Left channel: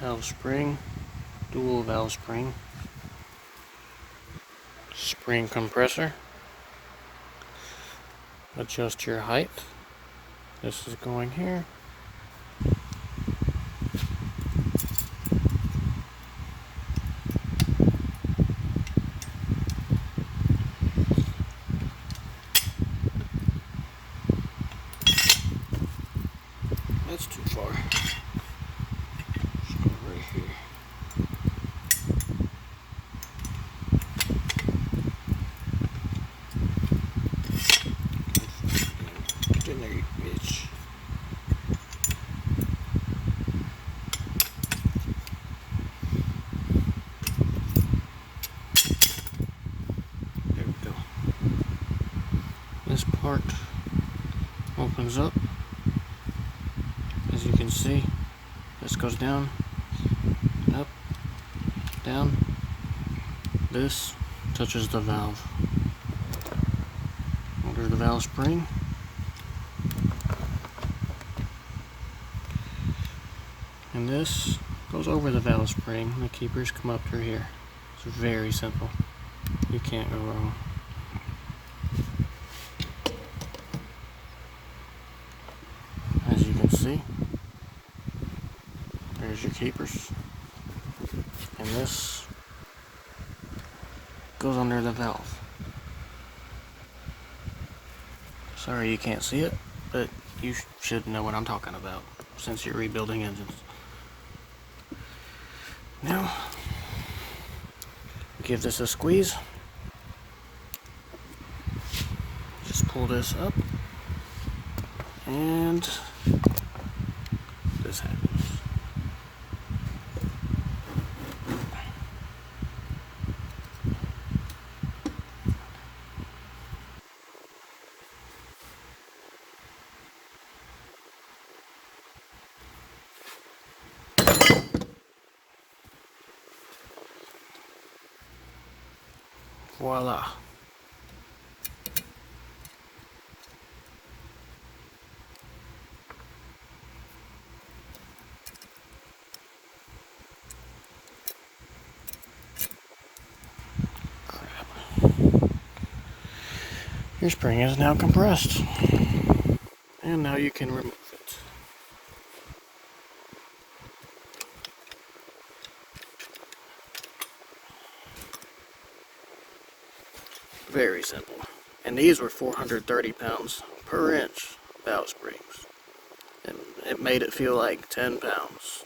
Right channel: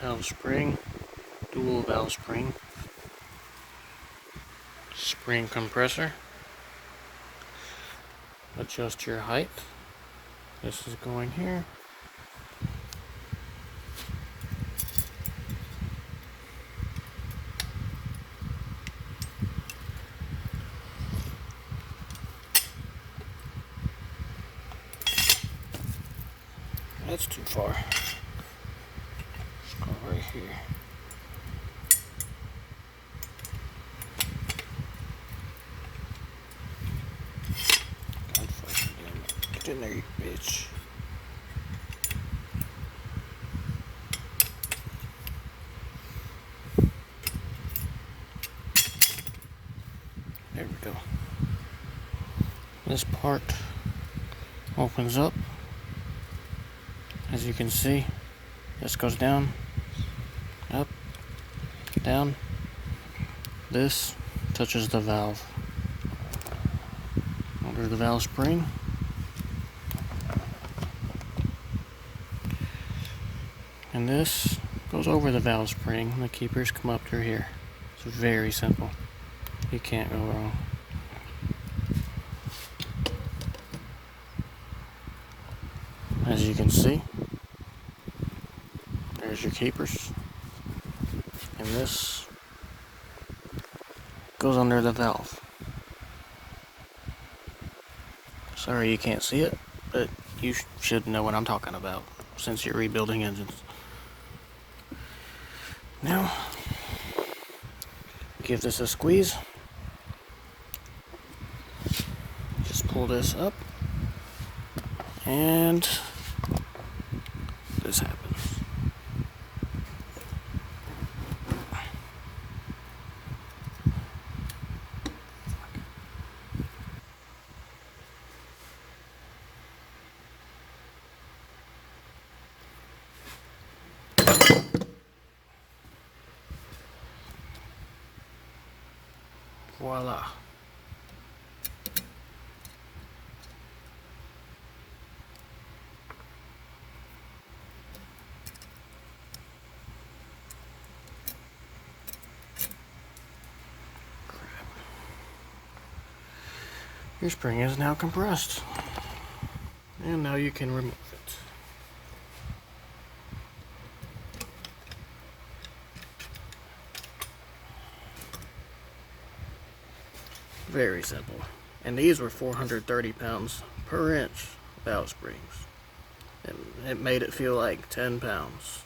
valve spring, dual valve spring, spring compressor, adjust your height. This is going here. That's too far. Let's go right here. Get in there, you bitch. There we go. This part opens up. As you can see, this goes down, up, down. This touches the valve. Over the valve spring. And this goes over the valve spring. The keepers come up through here. It's very simple. You can't go wrong. As you can see, there's your keepers. And this goes under the valve. Sorry you can't see it, but you should know what I'm talking about since you're rebuilding engines. Now, give this a squeeze. Just pull this up, and this happens. Voila. Your spring is now compressed. And now you can remove it. Very simple. And these were 430 pounds per inch valve springs. And it made it feel like 10 pounds.